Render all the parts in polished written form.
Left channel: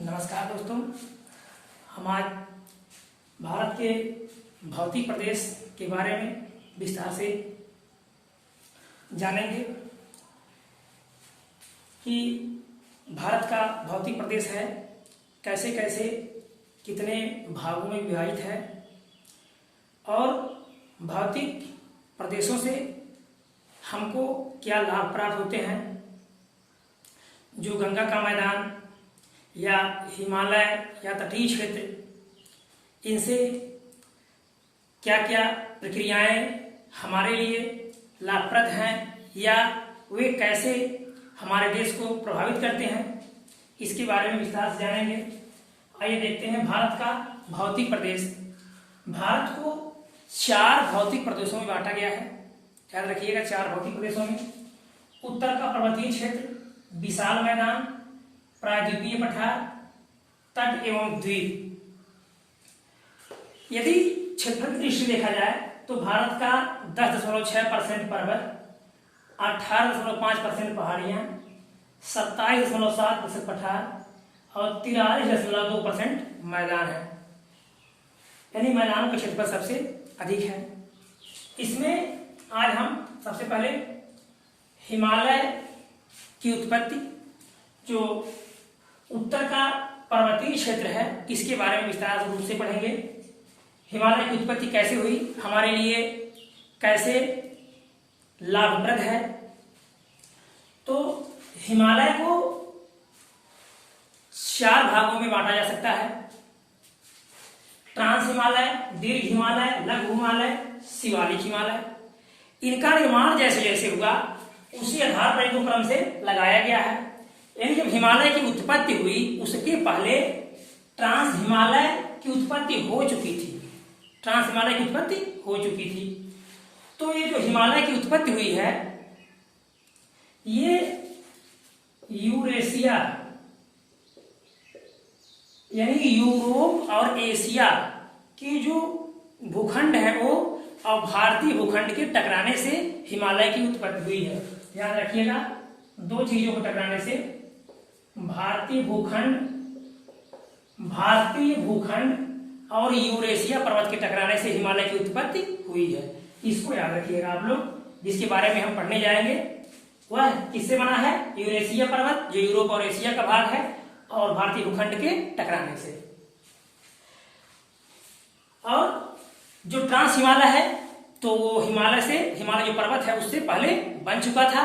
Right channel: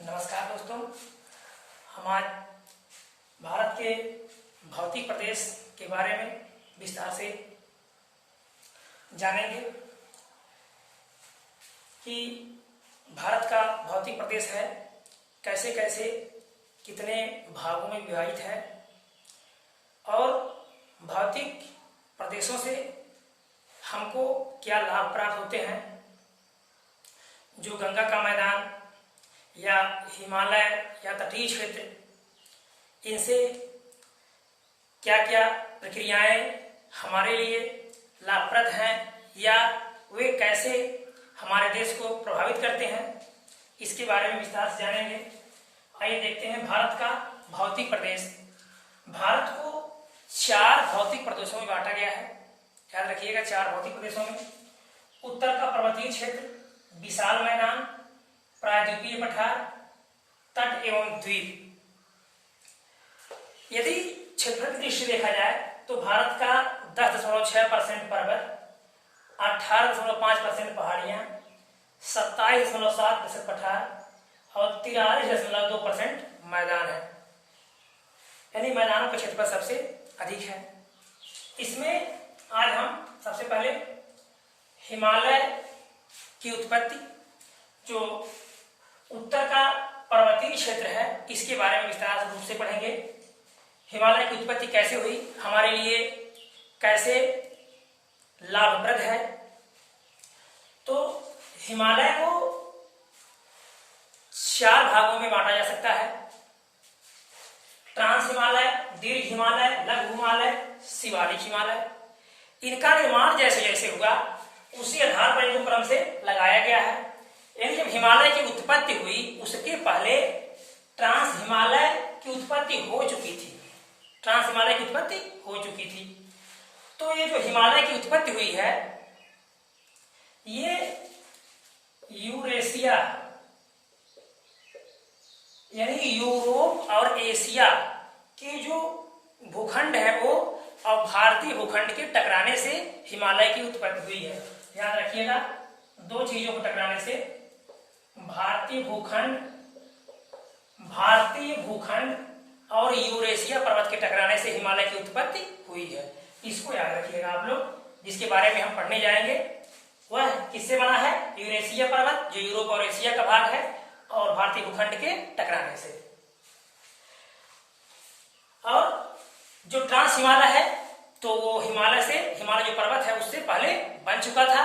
नमस्कार दोस्तों, हम आज भारत के भौतिक प्रदेश के बारे में विस्तार से जानेंगे कि भारत का भौतिक प्रदेश है, कैसे कैसे कितने भागों में विभाजित है और भौतिक प्रदेशों से हमको क्या लाभ प्राप्त होते हैं। जो गंगा का मैदान या हिमालय या तटीय क्षेत्र, इनसे क्या क्या प्रक्रियाएं हमारे लिए लाभप्रद हैं या वे कैसे हमारे देश को प्रभावित करते हैं, इसके बारे में विस्तार से जानेंगे। आइए देखते हैं भारत का भौतिक प्रदेश। भारत को 4 भौतिक प्रदेशों में बांटा गया है। याद रखिएगा, 4 भौतिक प्रदेशों में। उत्तर का पर्वतीय क्षेत्र, विशाल मैदान, प्रायद्वीपीय पठार, तट एवं द्वीप। यदि क्षेत्रफल की दृष्टि देखा जाए तो भारत का 10.6% पर्वत, 18.5% पहाड़ियां, 27.7% पठार और 43.2% मैदान है। यानी मैदानों का क्षेत्रफल सबसे अधिक है। इसमें आज हम सबसे पहले हिमालय की उत्पत्ति, जो उत्तर का पर्वतीय क्षेत्र है, इसके बारे में विस्तार रूप से पढ़ेंगे। हिमालय की उत्पत्ति कैसे हुई, हमारे लिए कैसे लाभप्रद है। तो हिमालय को 4 भागों में बांटा जा सकता है। ट्रांस हिमालय, दीर्घ हिमालय, लघु हिमालय, शिवालिक हिमालय। इनका निर्माण जैसे जैसे हुआ उसी आधार पर इनको क्रम से लगाया गया है। यानी जब हिमालय की उत्पत्ति हुई उसके पहले ट्रांस हिमालय की उत्पत्ति हो चुकी थी। ट्रांस हिमालय की उत्पत्ति हो चुकी थी। तो ये जो हिमालय की उत्पत्ति हुई है, ये यूरेशिया यानी यूरोप और एशिया के जो भूखंड है वो और भारतीय भूखंड के टकराने से हिमालय की उत्पत्ति हुई है। याद रखिएगा, 2 चीजों को टकराने से, भारतीय भूखंड और यूरेशिया पर्वत के टकराने से हिमालय की उत्पत्ति हुई है। इसको याद रखिएगा आप लोग। जिसके बारे में हम पढ़ने जाएंगे वह किससे बना है? यूरेशिया पर्वत, जो यूरोप और एशिया का भाग है, और भारतीय भूखंड के टकराने से। और जो ट्रांस हिमालय है, तो हिमालय जो पर्वत है उससे पहले बन चुका था।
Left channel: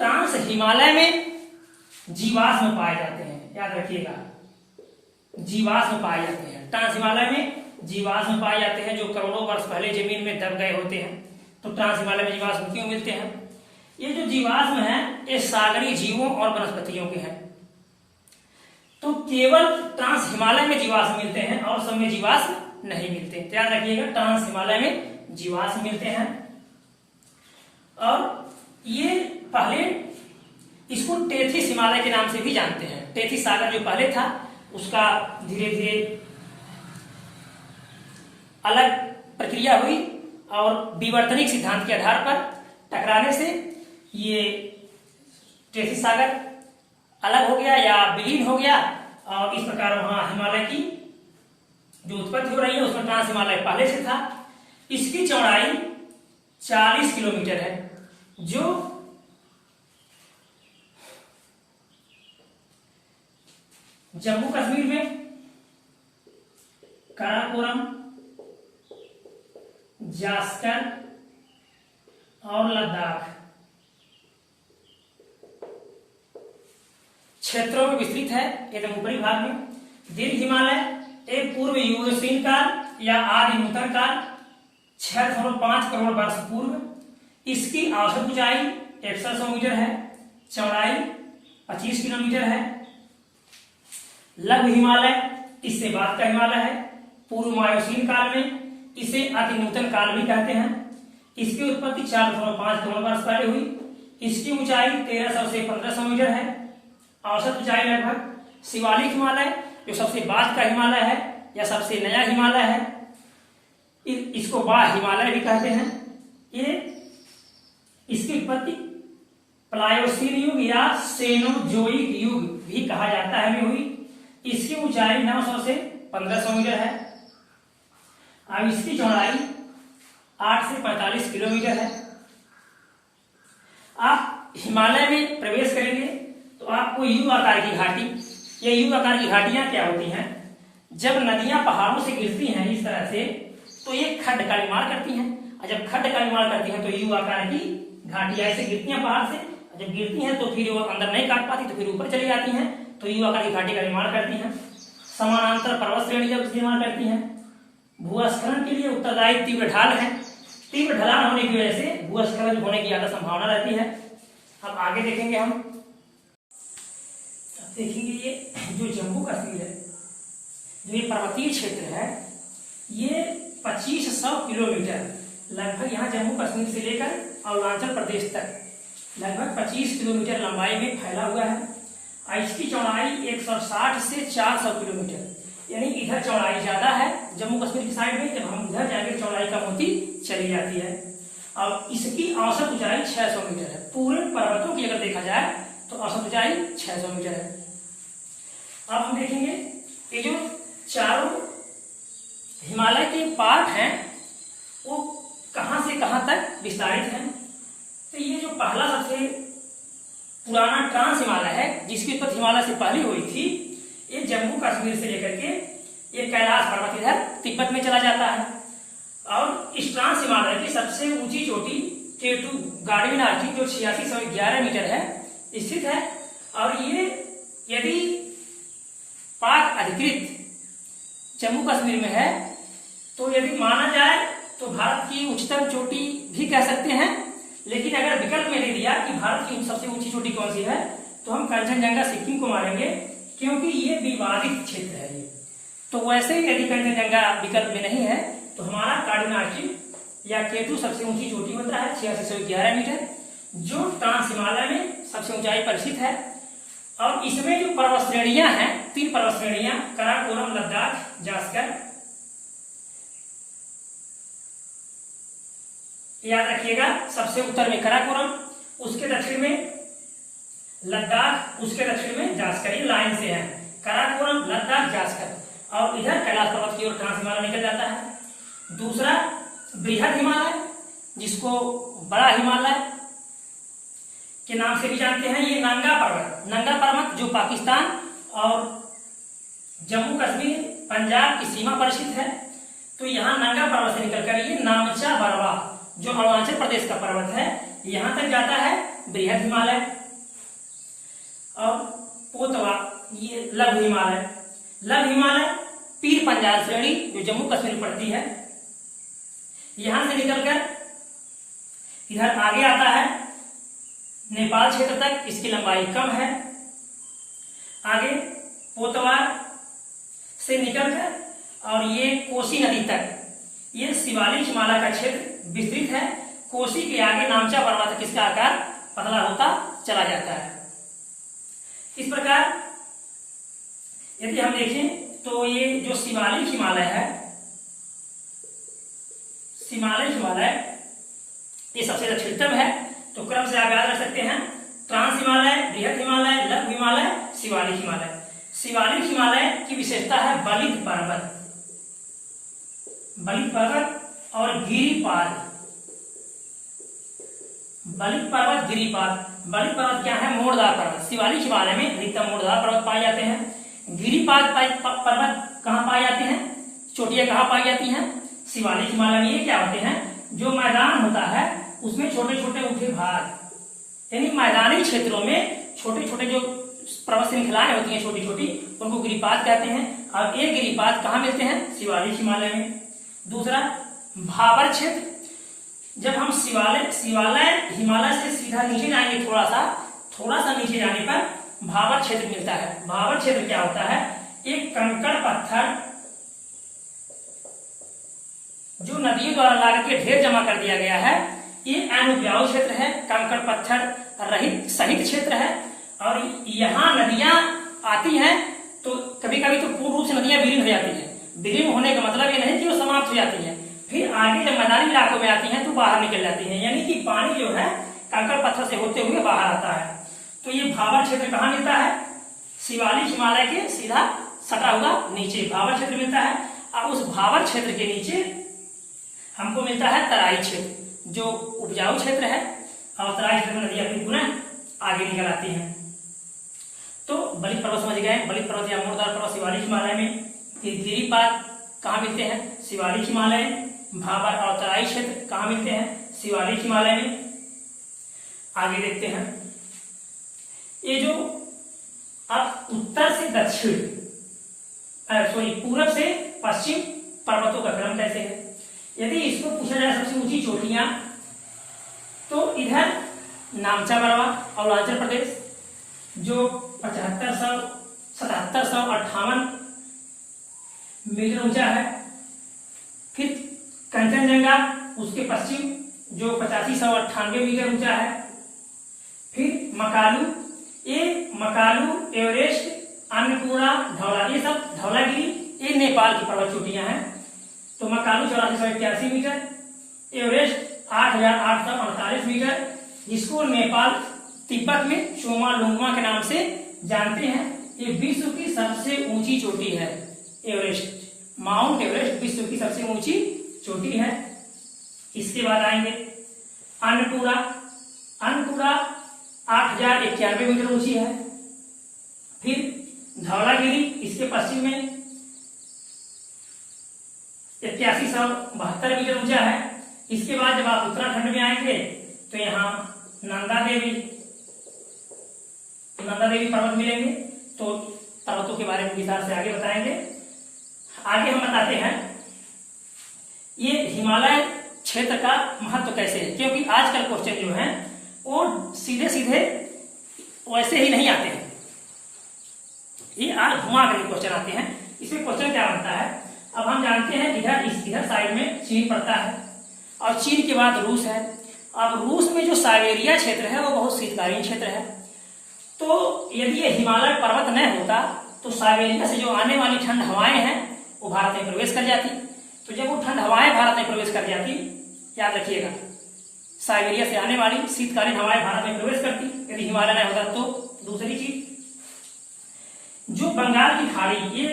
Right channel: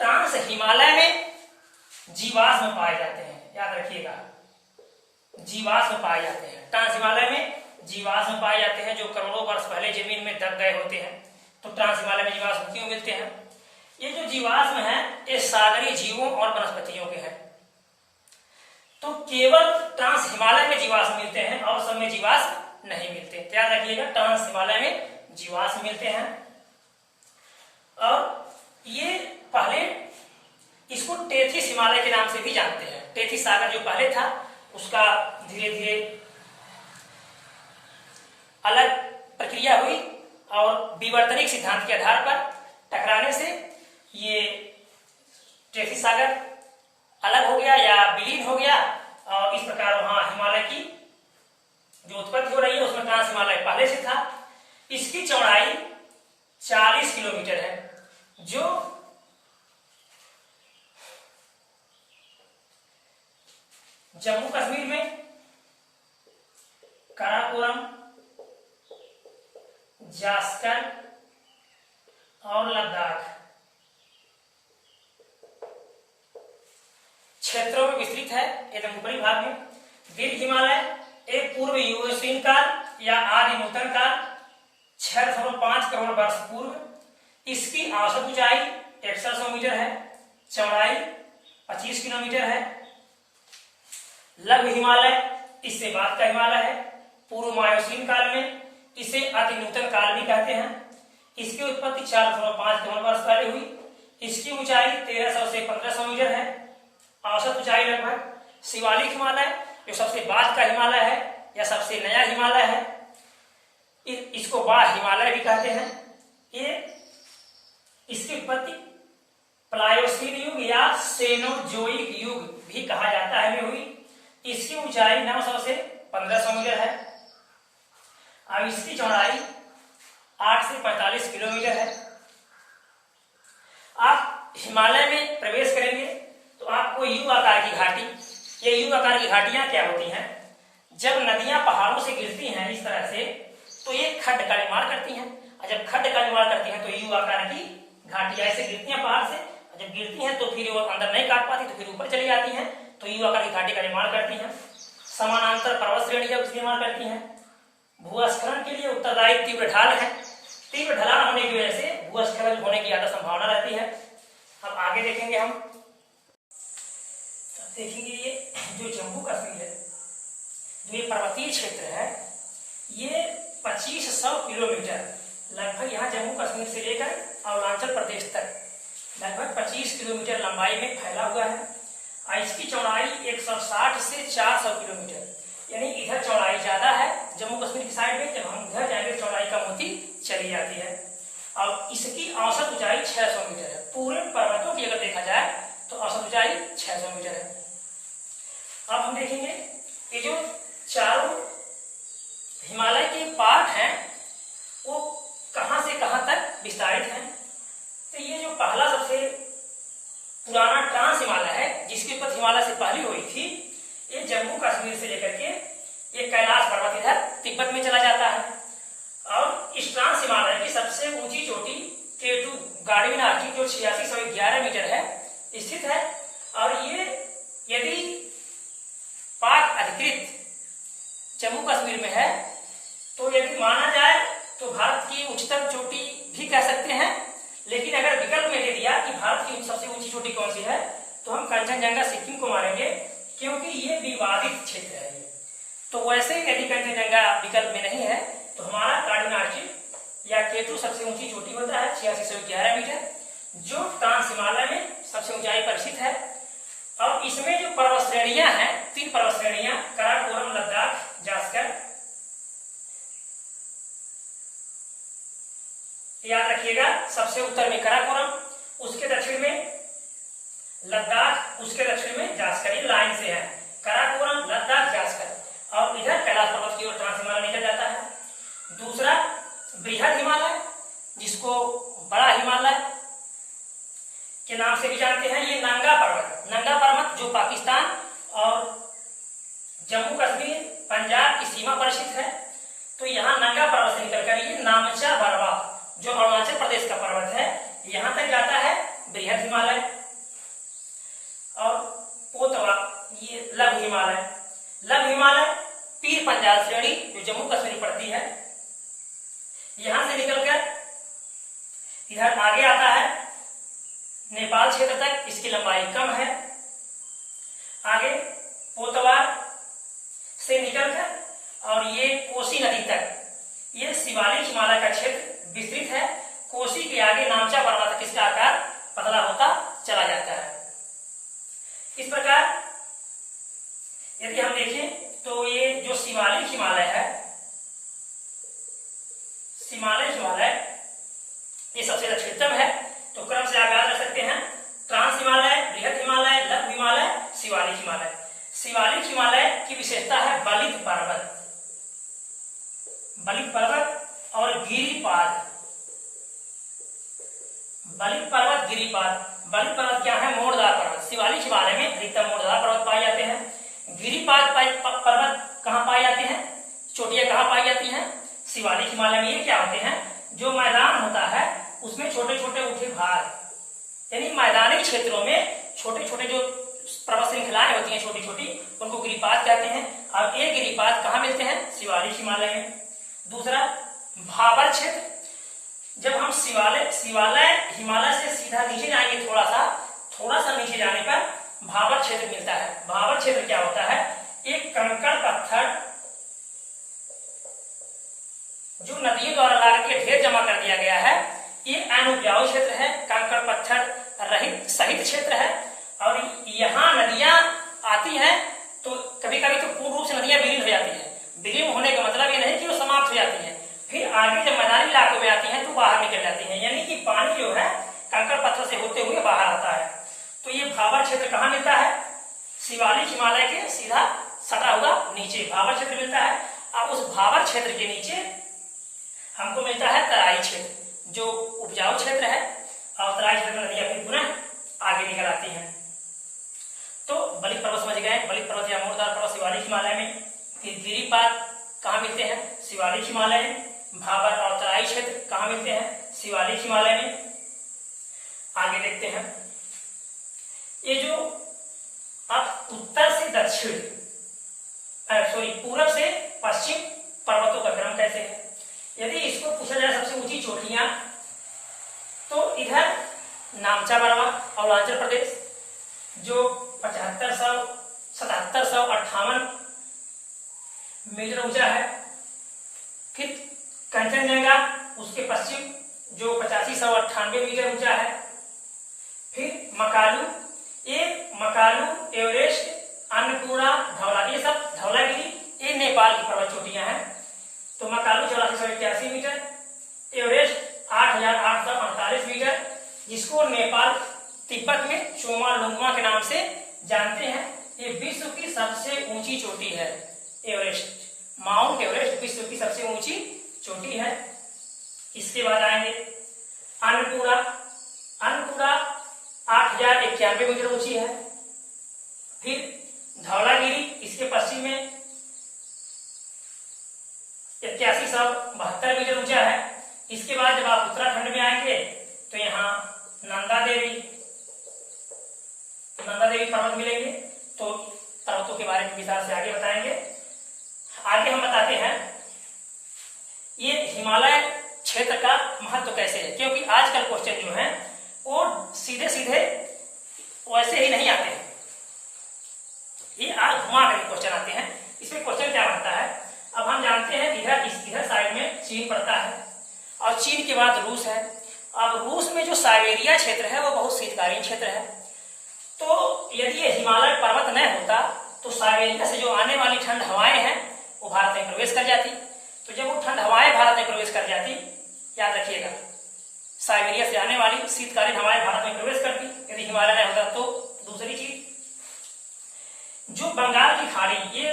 ट्रांस हिमालय में जीवाश्म पाए जाते हैं। याद रखिएगा, जीवाश्म पाए जाते हैं। ट्रांस हिमालय में जीवाश्म पाए जाते हैं जो करोड़ों वर्ष पहले जमीन में दब गए होते हैं। तो ट्रांस हिमालय में जीवाश्म क्यों मिलते हैं? ये जो जीवाश्म हैं ये सागरीय जीवों और वनस्पतियों के हैं। तो केवल ट्रांस हिमालय में जीवाश्म मिलते हैं और सब में जीवाश्म नहीं मिलते। याद रखिएगा, ट्रांस हिमालय में जीवाश्म मिलते हैं। और ये पहले इसको टेथिस हिमालय के नाम से भी जानते हैं। टेथिस सागर जो पहले था उसका धीरे धीरे अलग प्रक्रिया हुई और विवर्तनिक सिद्धांत के आधार पर टकराने से ये टेथिस सागर अलग हो गया या विलीन हो गया, और इस प्रकार वहां हिमालय की जो उत्पत्ति हो रही है उसमें ट्रांस हिमालय पहले से था। इसकी चौड़ाई 40 किलोमीटर है, जो जम्मू कश्मीर में काराकोरम, जास्कर और लद्दाख क्षेत्रों में विस्तृत है। एकदम ऊपरी भाग में। दीर्घ हिमालय एक पूर्व यूरेशियन काल या आदि नूतन काल, 6.5 करोड़ वर्ष पूर्व। इसकी औसत ऊंचाई 150 मीटर है, चौड़ाई 25 किलोमीटर है। लघु हिमालय इससे बाद का हिमालय है, पूर्व मायोसीन काल में। इसे अति नूतन काल भी कहते हैं। इसकी उत्पत्ति 4.5 करोड़ वर्ष पहले हुई। इसकी ऊंचाई 1300 से 1500 मीटर है, औसत ऊंचाई लगभग। शिवालिक हिमालय जो सबसे बाद का हिमालय है या सबसे नया हिमालय है, इसको बाह्य हिमालय भी कहते हैं। ये इसकी उत्पत्ति प्लायोसीन युग या सेनोजोइक युग भी कहा जाता है में हुई। इसकी ऊंचाई 900 से 1500 मीटर है। अब इसकी चौड़ाई 8 से 45 किलोमीटर है। आप हिमालय में प्रवेश करेंगे तो आपको यू आकार की घाटी, ये यू आकार की घाटियां क्या होती हैं, जब नदियां पहाड़ों से गिरती हैं इस तरह से तो ये खड्ड का निर्माण करती हैं, और जब खड्ड का निर्माण करती हैं तो यू आकार की घाटियां ऐसे गिरती हैं पहाड़ से, जब गिरती हैं तो फिर वो अंदर नहीं काट पाती तो फिर ऊपर चली जाती हैं, तो यू आकार की घाटी का निर्माण करती हैं। समानांतर पर्वत श्रेणी जब निर्माण करती हैं। भूस्खलन के लिए उत्तरदायी तीव्र ढाल है। तीव्र ढलान होने की वजह से भूस्खलन होने की ज्यादा संभावना रहती है। अब आगे देखेंगे हम, देखेंगे ये जो जम्मू कश्मीर है, जो ये पर्वतीय क्षेत्र है, ये 2500 किलोमीटर लगभग यहाँ जम्मू कश्मीर से लेकर अरुणाचल प्रदेश तक लगभग 25 किलोमीटर लंबाई में फैला हुआ है। और इसकी चौड़ाई 160 से 400 किलोमीटर, यानी इधर चौड़ाई ज्यादा है जम्मू कश्मीर की साइड में, जब हम उधर जाएंगे चौड़ाई कम होती चली जाती है। और इसकी औसत ऊंचाई 600 मीटर है। पूरे पर्वतों की अगर देखा जाए तो औसत ऊंचाई 600 मीटर है। अब हम देखेंगे ये जो चारों हिमालय के पार्ट हैं वो कहां से कहां तक विस्तारित हैं। तो ये जो पहला सबसे पुराना ट्रांस हिमालय है, जिसकी उत्पत्ति हिमालय से पहले हुई थी, ये जम्मू कश्मीर से लेकर के ये कैलाश पर्वत इधर तिब्बत में चला जाता है। और इस ट्रांस हिमालय की सबसे ऊंची चोटी K2 गाड़ीनार की जो 8611 मीटर है स्थित है। और ये यदि पाक अधिकृत जम्मू कश्मीर में है तो यदि माना जाए तो भारत की उच्चतम चोटी भी कह सकते हैं। लेकिन अगर विकल्प में दे दिया कि भारत की सबसे ऊंची चोटी कौन सी है तो हम कंचनजंगा सिक्किम को मानेंगे, क्योंकि ये विवादित क्षेत्र है। तो वैसे ही यदि कंचनजंगा विकल्प में नहीं है तो हमारा गाड़ीनार या K2 सबसे ऊंची चोटी होता है 8611 मीटर, जो ट्रांस हिमालय में सबसे ऊंचाई पर स्थित है। और इसमें जो पर्वत श्रेणियां हैं, 3 पर्वत श्रेणियां, काराकोरम, लद्दाख, जास्कर, याद रखिएगा। सबसे उत्तर में काराकोरम, उसके दक्षिण में लद्दाख, उसके दक्षिण में जास्कर, ये लाइन से है काराकोरम, लद्दाख, जास्कर। और इधर कैलाश पर्वत की ओर ट्रांस हिमालय निकल जाता है। दूसरा बृहद हिमालय, जिसको बड़ा हिमालय के नाम से भी जानते हैं, ये नंगा पर्वत। नंगा पर्वत जो पाकिस्तान और जम्मू कश्मीर, पंजाब की सीमा पर स्थित है। तो यहाँ नंगा पर्वत से निकलकर ये नामचा बरवा जो अरुणाचल प्रदेश का पर्वत है यहां तक जाता है बृहद हिमालय। और पोतवा ये लघु हिमालय। लघु हिमालय पीर पंजाल श्रेणी जो जम्मू कश्मीर पड़ती है, यहां से निकलकर इधर आगे आता है नेपाल क्षेत्र तक, इसकी लंबाई कम है। आगे पोतवार से निकलकर और ये कोसी नदी तक, ये शिवालिक हिमालय का क्षेत्र विस्तृत है। कोसी के आगे नामचा पर्वत तक इसका आकार पतला होता चला जाता है। इस प्रकार यदि हम देखें तो ये जो शिवालिक हिमालय है, शिवालिक हिमालय ये सबसे दक्षिणतम है। तो क्रम से आगे रख सकते हैं ट्रांस हिमालय, बृहद हिमालय, लघु हिमालय, शिवालिक हिमालय। शिवालिक हिमालय की विशेषता है बलित पर्वत, बलित पर्वत और गिरिपाद। बलित पर्वत, गिरिपाद। बलित पर्वत क्या है? मोड़दार पर्वत। शिवालिक हिमालय में अधिकतम मोड़दार पर्वत पाए जाते हैं। गिरिपाद पर्वत कहाँ पाए जाते हैं? चोटियां कहाँ पाई जाती हैं? शिवालिक हिमालय में। ये क्या होते हैं? जो मैदान होता है उसमें छोटे छोटे उठे भाग, यानी मैदानी क्षेत्रों में छोटे छोटे जो पर्वत श्रृंखलाएं होती हैं छोटी छोटी, उनको गिरिपाद कहते हैं। और ये गिरिपाद कहाँ मिलते हैं? शिवालिक हिमालय में। दूसरा भाबर क्षेत्र। जब हम शिवालय हिमालय से सीधा नीचे जाएंगे, थोड़ा सा नीचे जाने पर भाबर क्षेत्र मिलता है। भाबर क्षेत्र क्या होता है? एक कंकड़ पत्थर जो नदियों द्वारा लाकर के ढेर जमा कर दिया गया है, ये अनुपजाऊ क्षेत्र है, कंकड़ पत्थर रहित सहित क्षेत्र है। और यहाँ नदियां आती हैं तो कभी कभी तो पूर्ण रूप से नदियां विलीन हो जाती है। विलीन होने का मतलब ये नहीं कि वो समाप्त हो जाती हैं, फिर आगे जब मैदानी इलाकों में आती हैं तो बाहर निकल जाती हैं, यानी कि पानी जो है कंकड़ पत्थर से होते हुए बाहर आता है। तो ये भाबर क्षेत्र कहाँ मिलता है? शिवालिक हिमालय के सीधा सटा हुआ नीचे भावर क्षेत्र मिलता है। अब उस भावर क्षेत्र के नीचे हमको मिलता है तराई क्षेत्र, जो उपजाऊ क्षेत्र है, और तराई क्षेत्र में नदी अपनी पुनः आगे निकल आती है। तो बलिक पर्वत समझ गए, बलिक पर्वत या मोरदार पर्वत शिवालिक हिमालय में। फिर गिरिपाद कहाँ मिलते हैं? शिवालिक हिमालय में। भावर और तराई क्षेत्र कहाँ मिलते हैं? शिवालिक हिमालय में। आगे देखते हैं, ये जो अब उत्तर से दक्षिण पूरब से पश्चिम पर्वतों का क्रम कैसे है? यदि इसको पूछा जाए सबसे ऊंची चोटियां, तो इधर नामचा बरवा अरुणाचल प्रदेश जो 7758 मीटर ऊंचा है। फिर कंचनजंगा उसके पश्चिम जो 8598 मीटर ऊंचा है। फिर मकालू, ये मकालू, एवरेस्ट, अन्नपूर्णा, धौला, ये सब धौलागिरी, ये नेपाल की पर्वत चोटियां हैं। तो मकालू 8481 मीटर, एवरेस्ट 8848 मीटर, जिसको नेपाल तिब्बत में चोमालुंगमा के नाम से जानते हैं। ये विश्व की सबसे ऊंची चोटी है एवरेस्ट। माउंट एवरेस्ट विश्व की सबसे ऊंची चोटी है। इसके बाद आएंगे अन्नपूर्णा। अन्नपूर्णा 8091 मीटर ऊंची है। फिर धौलागिरी इसके पश्चिम में 8172 मीटर ऊंचा है। इसके बाद जब आप उत्तराखंड में आएंगे तो यहाँ नंदा देवी पर्वत मिलेंगे। तो पर्वतों के बारे में विस्तार से आगे बताएंगे। आगे हम बताते हैं ये हिमालय क्षेत्र का महत्व कैसे है, क्योंकि आजकल क्वेश्चन जो है वो सीधे सीधे वैसे ही नहीं आते हैं, ये आज घुमा करके क्वेश्चन आते हैं। इसमें क्वेश्चन क्या बनता है? अब हम जानते हैं इधर साइड में चीन पड़ता है और चीन के बाद रूस है। अब रूस में जो साइबेरिया क्षेत्र है वो बहुत शीतकालीन क्षेत्र है। तो यदि ये हिमालय पर्वत न होता तो साइबेरिया से जो आने वाली ठंड हवाएं हैं वो भारत में प्रवेश कर जाती। तो जब वो ठंड हवाएं भारत में प्रवेश कर जाती, याद रखिएगा, साइबेरिया से आने वाली शीतकालीन हवाएं भारत में प्रवेश करती यदि हिमालय न होता तो। दूसरी चीज, जो बंगाल की खाड़ी, ये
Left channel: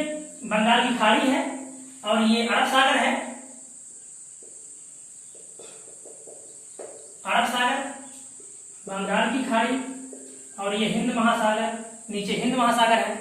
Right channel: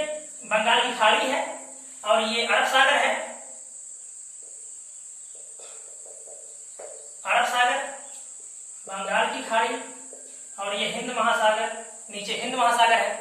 बंगाल की खाड़ी है और ये अरब सागर है। अरब सागर, बंगाल की खाड़ी और ये हिंद महासागर, नीचे हिंद महासागर है।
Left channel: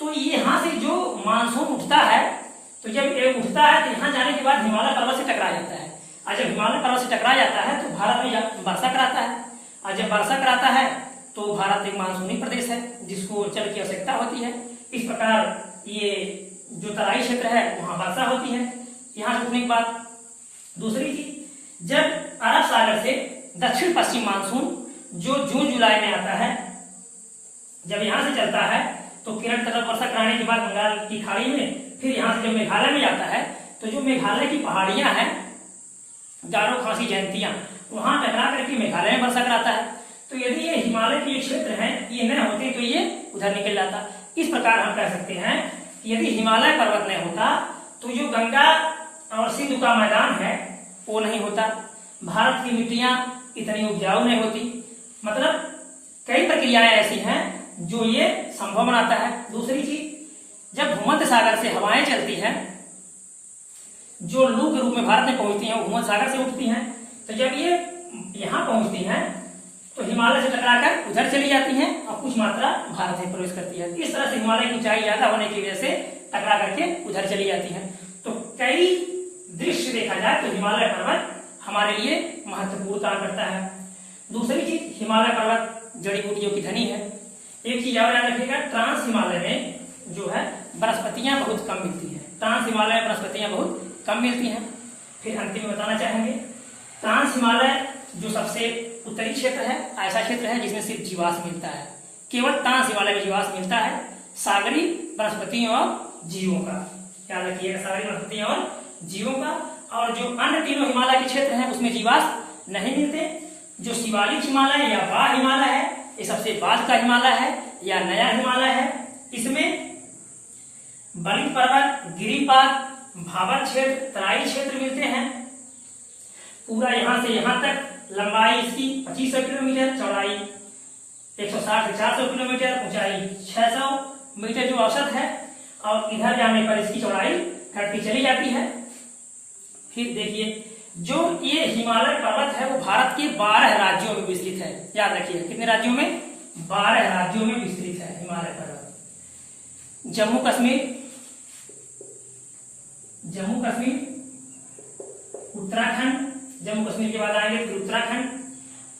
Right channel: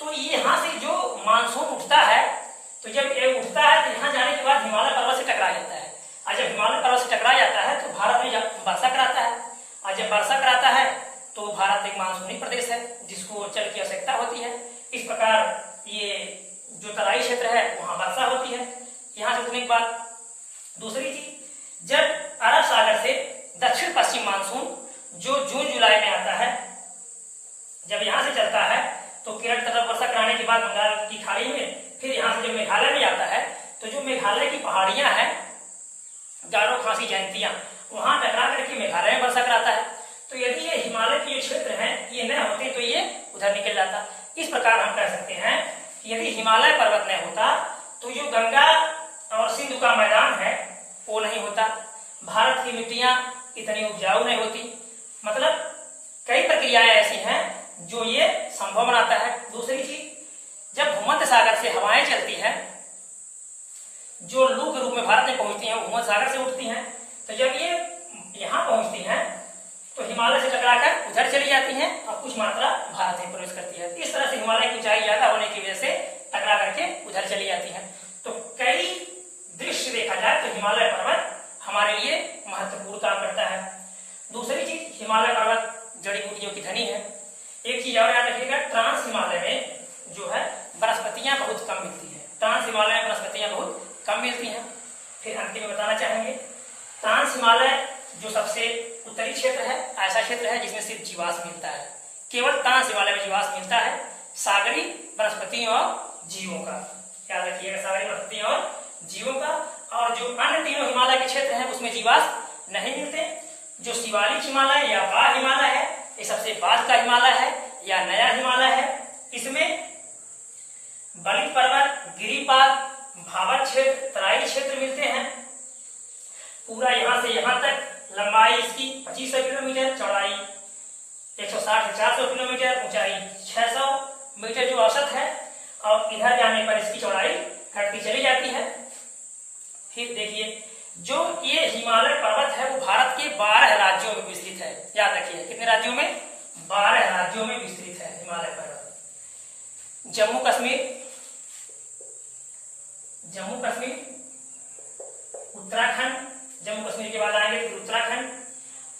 तो यहां से जो मानसून उठता है, तो जब ये उठता है तो यहां जाने के बाद हिमालय पर्वत से टकरा जाता है। और जब हिमालय पर्वत से टकरा जाता है तो भारत में वर्षा कराता है। और जब वर्षा कराता है तो भारत एक मानसूनी प्रदेश है जिसको जल की आवश्यकता होती है। इस प्रकार ये जो तराई क्षेत्र है वहां वर्षा होती है यहाँ रुकने के बाद। दूसरी चीज, जब अरब सागर से दक्षिण पश्चिम मानसून जो जून जुलाई में आता है, जब यहाँ से चलता है तो केरल तक वर्षा कराने के बाद बंगाल की खाड़ी में, फिर यहाँ से जब मेघालय में जाता है तो जो मेघालय की पहाड़ियां हैं, गारो, खासी, जयंतियां, वहां टकरा करके मेघालय में वर्षा कराता है। तो यदि ये हिमालय के जो क्षेत्र हैं ये न होते तो ये उधर निकल जाता। इस प्रकार हम कह सकते हैं यदि हिमालय पर्वत न होता तो जो गंगा और सिंधु का मैदान है वो नहीं होता, भारत की मिट्टियां इतनी उपजाऊ नहीं होती। मतलब कई प्रक्रियाएं ऐसी हैं जो ये संभव बनाता है। दूसरी चीज, जब भूमध्य सागर से हवाएं चलती हैं जो लू के रूप में भारत में पहुंचती हैं, वो भूमध्य सागर से उठती हैं। तो जब ये यहाँ पहुंचती हैं तो हिमालय से टकराकर उधर चली जाती हैं और कुछ मात्रा भारत में प्रवेश करती है। इस तरह से हिमालय की ऊंचाई ज्यादा होने की वजह से टकरा करके उधर चली जाती है। तो कई दृश्य देखा जाए तो हिमालय पर्वत हमारे लिए महत्वपूर्ण काम करता है। दूसरी चीज, हिमालय पर्वत जड़ी बूटियों की धनी है। एक चीज और याद रखिएगा, ट्रांस हिमालय में जो है वनस्पतियां बहुत कम मिलती हैं। ट्रांस हिमालय में वनस्पतियां बहुत कम मिलती हैं। फिर अंतिम में बताना चाहेंगे, ट्रांस हिमालय जो सबसे उत्तरी क्षेत्र है, ऐसा क्षेत्र है जिसमें सिर्फ जीवाश्म मिलता है। केवल ट्रांस हिमालय में जीवाश्म मिलता है, सागरी वनस्पतियों और जीवों का। याद रखिएगा, सागरी वनस्पतियों और जीवों का। और जो अन्य तीनों हिमालय के क्षेत्र हैं उसमें जीवाश्म नहीं मिलते। जो शिवालिक हिमालय या बाढ़ हिमालय है, ये सबसे बाद का हिमालय है या नया हिमालय है। इसमें बलिक पर्वत, गिरिपाद, भावर क्षेत्र, तराई क्षेत्र मिलते हैं। पूरा यहां से यहां तक लंबाई इसकी 2500 किलोमीटर, चौड़ाई 160 से 400 किलोमीटर, ऊंचाई 600 मीटर जो औसत है। और इधर जाने पर इसकी चौड़ाई घटती चली जाती है। फिर देखिए, जो ये हिमालय पर्वत है वो भारत के 12 राज्यों में विस्तृत है। याद रखिए, कितने राज्यों में? 12 राज्यों में विस्तृत है हिमालय पर्वत। जम्मू कश्मीर, उत्तराखंड, जम्मू कश्मीर के बाद आएंगे फिर उत्तराखंड।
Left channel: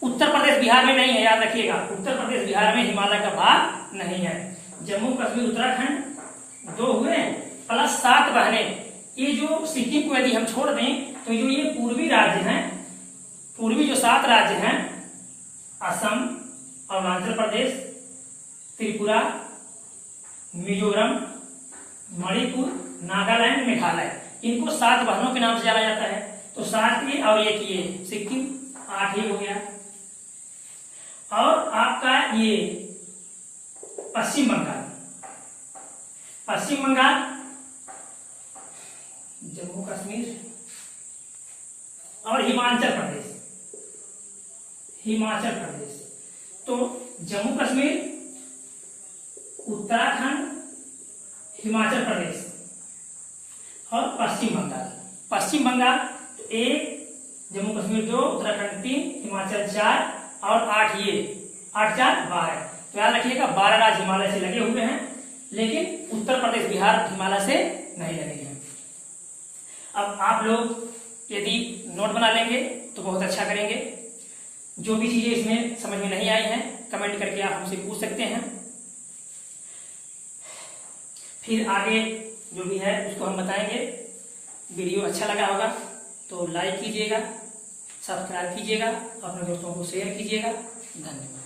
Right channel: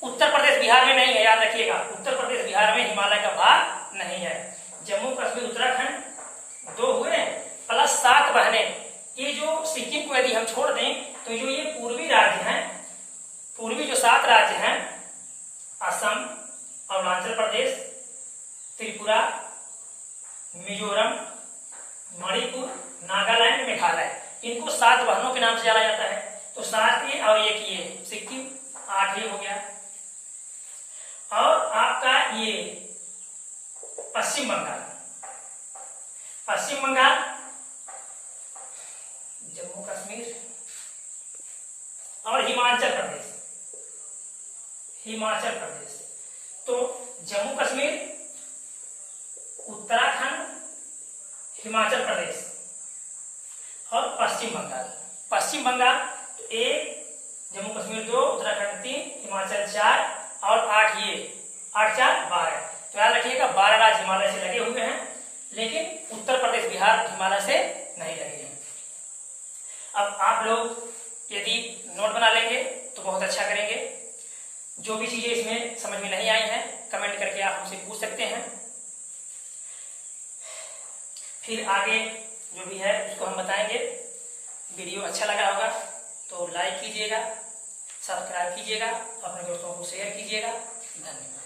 उत्तर प्रदेश बिहार में नहीं है, याद रखिएगा, उत्तर प्रदेश बिहार में हिमालय का भाग नहीं है। जम्मू कश्मीर उत्तराखंड 2 हुए, प्लस 7 बहनें। ये जो सिक्किम को यदि हम छोड़ दें तो जो ये पूर्वी राज्य हैं, पूर्वी जो 7 राज्य हैं, असम, अरुणाचल प्रदेश, त्रिपुरा, मिजोरम, मणिपुर, नागालैंड, मेघालय, इनको 7 बहनों के नाम से जाना जाता है। तो 7 ये और 1 ये, सिक्किम 8 ये हो गया। और आपका ये पश्चिम बंगाल, जम्मू कश्मीर और हिमाचल प्रदेश। तो जम्मू कश्मीर, उत्तराखंड, हिमाचल प्रदेश और पश्चिम बंगाल 1, जम्मू कश्मीर 2, उत्तराखंड 3, हिमाचल 4 और 8 ये, 8 4 12। तो याद रखिएगा 12 राज्य हिमालय से लगे हुए हैं, लेकिन उत्तर प्रदेश बिहार हिमालय से नहीं लगे हैं। अब आप लोग यदि नोट बना लेंगे तो बहुत अच्छा करेंगे। जो भी चीजें इसमें समझ में नहीं आई हैं कमेंट करके आप हमसे पूछ सकते हैं। फिर आगे जो भी है उसको हम बताएंगे। वीडियो अच्छा लगा होगा तो लाइक कीजिएगा, सब्सक्राइब कीजिएगा, अपने दोस्तों को शेयर कीजिएगा। धन्यवाद।